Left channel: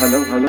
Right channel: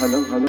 hello hello